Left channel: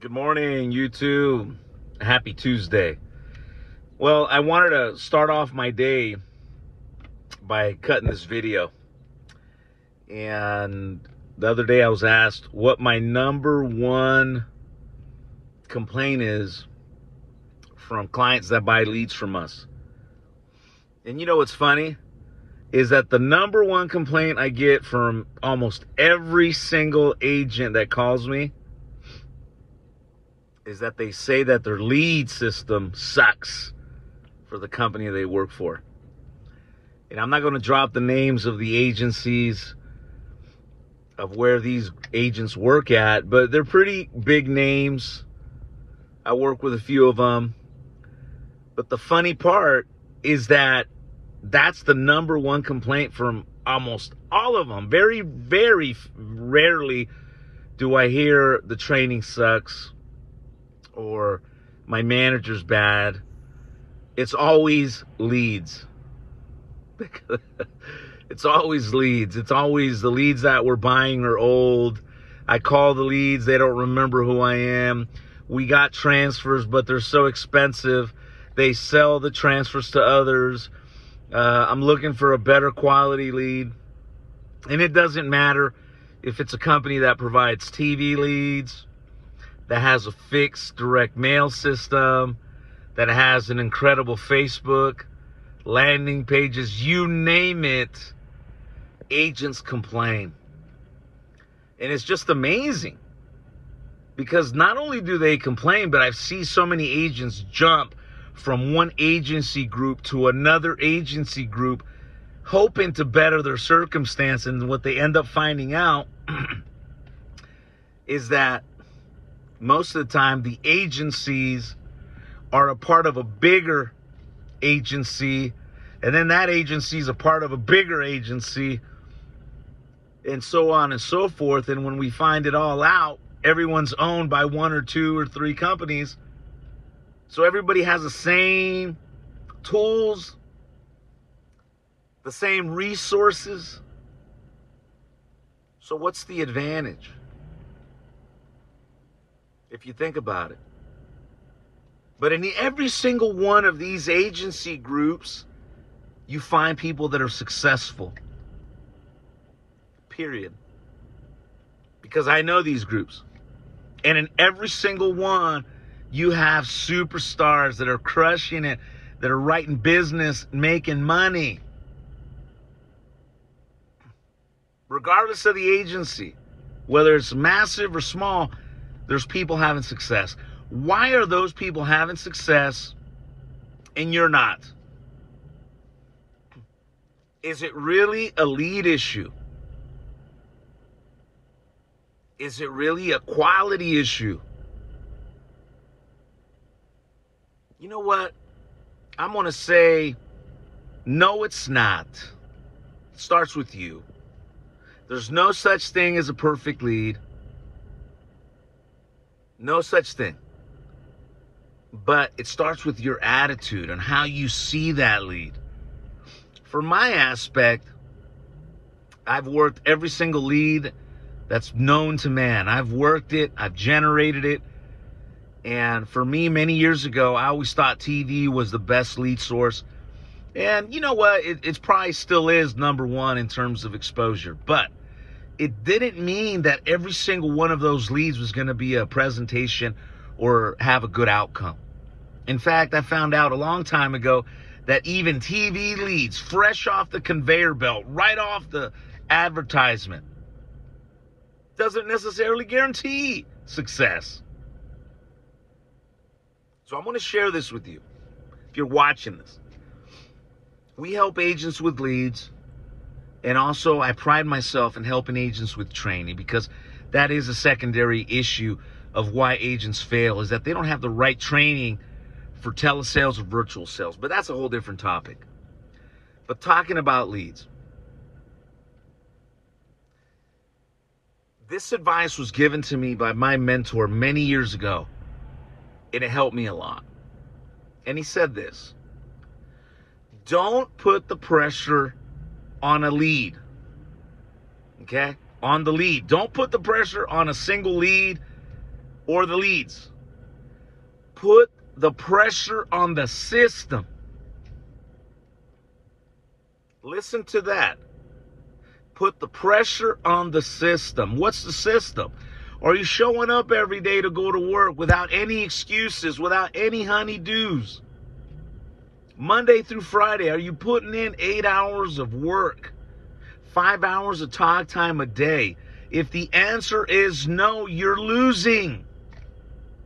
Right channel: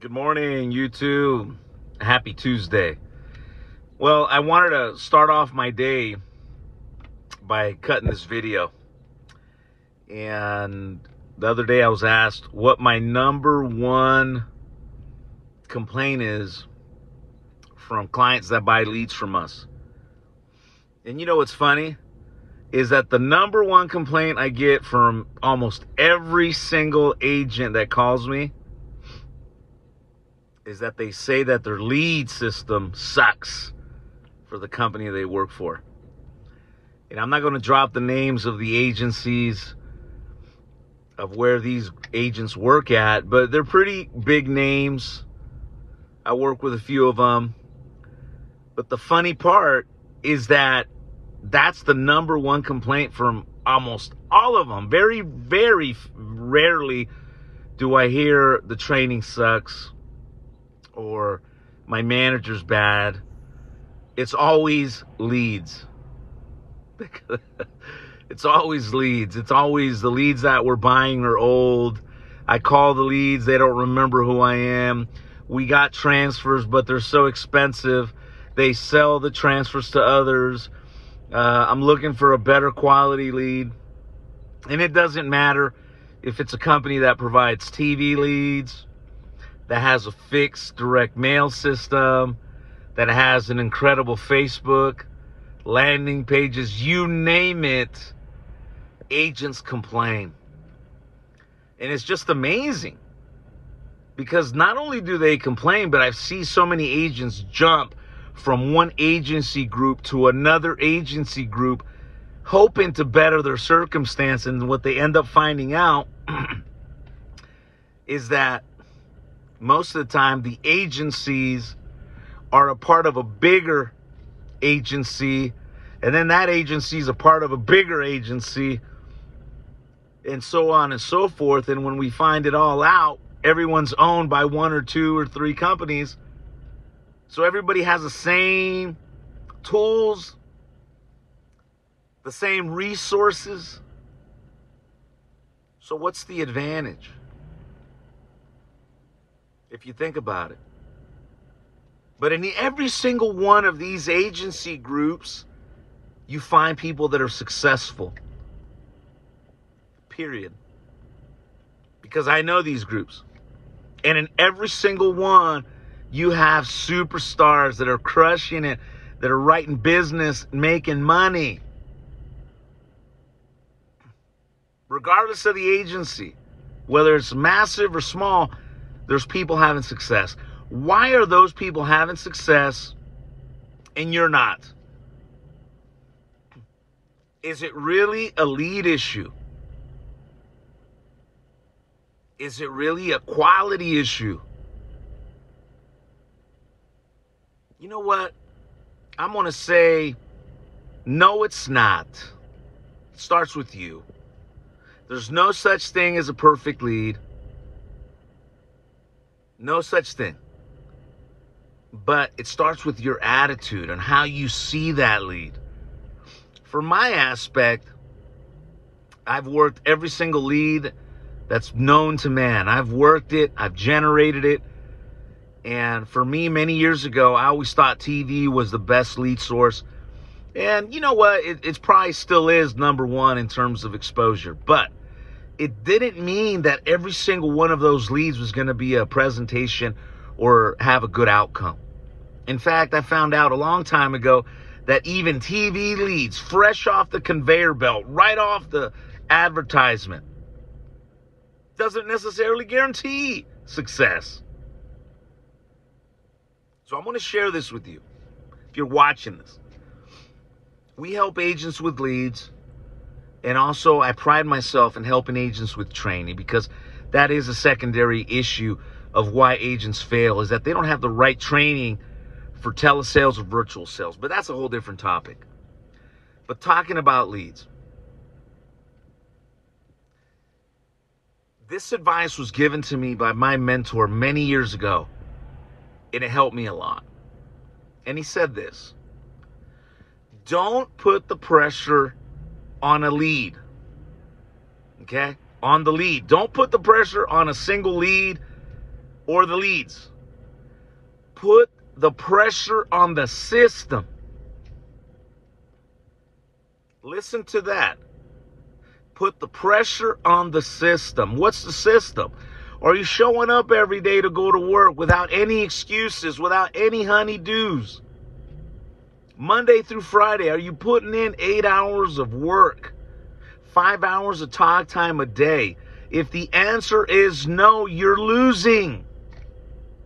Good morning, YouTube. Happy Tuesday. Well, I wanted to start off my day by cutting this video. And the other day I was asked what my number one complaint is from clients that buy leads from us. And you know what's funny? Is that the number one complaint I get from almost every single agent that calls me is that they say that their lead system sucks for the company they work for. And I'm not going to drop the names of the agencies of where these agents work at, but they're pretty big names. I work with a few of them. But the funny part is that that's the number one complaint from almost all of them. Very, very rarely do I hear the training sucks or my manager's bad. It's always leads. It's always leads. It's always the leads that we're buying are old. I call the leads, they don't remember who I am. We got transfers, but they're so expensive. They sell the transfers to others. I'm looking for a better quality lead. And it doesn't matter if it's a company that provides TV leads, that has a fixed direct mail system, that has an incredible Facebook, landing pages, you name it, agents complain. And it's just amazing. Because not only do they complain, but I see so many agents jump from one agency group to another agency group, hoping to better their circumstance. And what they end up finding out is that most of the time the agencies are a part of a bigger agency, and then that agency is a part of a bigger agency, and so on and so forth. And when we find it all out, everyone's owned by one or two or three companies. So everybody has the same tools, the same resources. So what's the advantage? If you think about it. But in every single one of these agency groups, you find people that are successful. Period. Because I know these groups. And in every single one, you have superstars that are crushing it, that are writing business, making money. Regardless of the agency, whether it's massive or small, there's people having success. Why are those people having success and you're not? Is it really a lead issue? Is it really a quality issue? You know what? I'm going to say, no, it's not. It starts with you. There's no such thing as a perfect lead. No such thing. But it starts with your attitude and how you see that lead. For my aspect, I've worked every single lead that's known to man. I've worked it. I've generated it. And for me, many years ago, I always thought TV was the best lead source. And you know what? It probably still is number one in terms of exposure. But it didn't mean that every single one of those leads was going to be a presentation or have a good outcome. In fact, I found out a long time ago that even TV leads, fresh off the conveyor belt, right off the advertisement, doesn't necessarily guarantee success. So I'm going to share this with you. If you're watching this, we help agents with leads. And also, I pride myself in helping agents with training, because that is a secondary issue of why agents fail, is that they don't have the right training for telesales or virtual sales. But that's a whole different topic. But talking about leads, this advice was given to me by my mentor many years ago, and it helped me a lot. And he said this: don't put the pressure on a lead. Okay? On the lead. Don't put the pressure on a single lead or the leads. Put the pressure on the system. Listen to that. Put the pressure on the system. What's the system? Are you showing up every day to go to work without any excuses, without any honeydews? Monday through Friday, are you putting in 8 hours of work, 5 hours of talk time a day? If the answer is no, you're losing.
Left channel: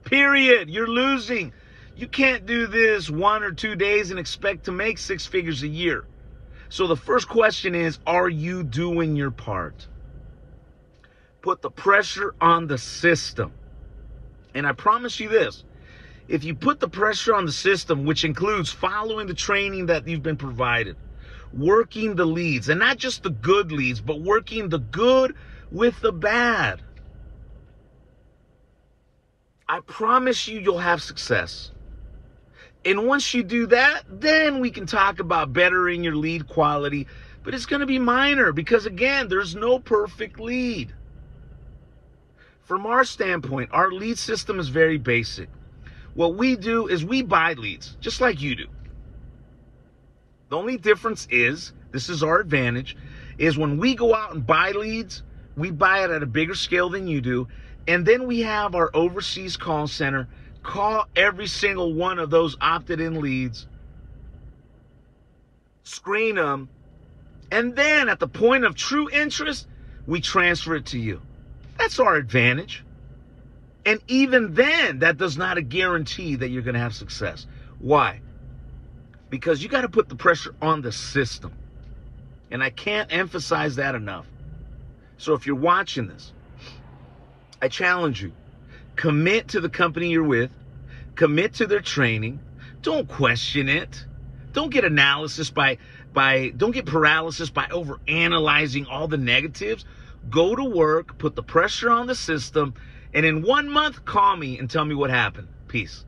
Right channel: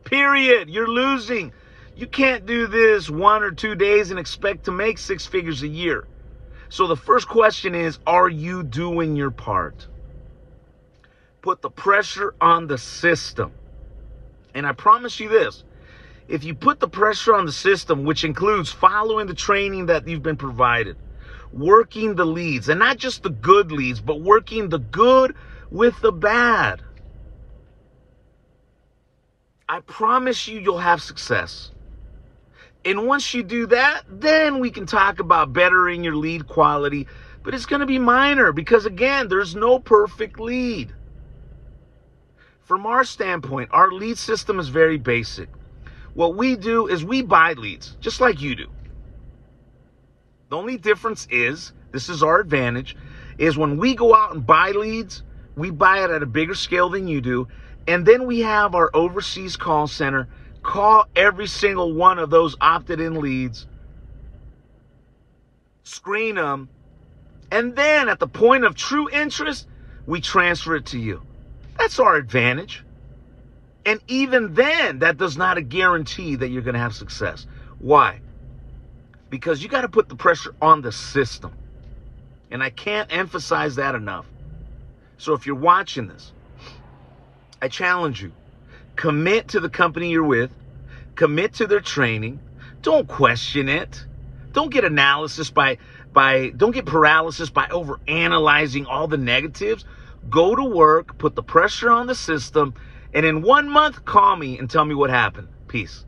Period. You're losing. You can't do this 1 or 2 days and expect to make 6 figures a year. So the first question is, are you doing your part? Put the pressure on the system. And I promise you this, if you put the pressure on the system, which includes following the training that you've been provided, working the leads, and not just the good leads, but working the good with the bad, I promise you, you'll have success. And once you do that, then we can talk about bettering your lead quality. But it's going to be minor because, again, there's no perfect lead. From our standpoint, our lead system is very basic. What we do is we buy leads, just like you do. The only difference is, this is our advantage, is when we go out and buy leads, we buy it at a bigger scale than you do. And then we have our overseas call center call every single one of those opted-in leads, screen them, and then at the point of true interest, we transfer it to you. That's our advantage. And even then, that does not guarantee that you're going to have success. Why? Because you got to put the pressure on the system. And I can't emphasize that enough. So if you're watching this, I challenge you. Commit to the company you're with. Commit to their training. Don't question it. Don't get paralysis by overanalyzing all the negatives. Go to work, put the pressure on the system, and in 1 month, call me and tell me what happened. Peace.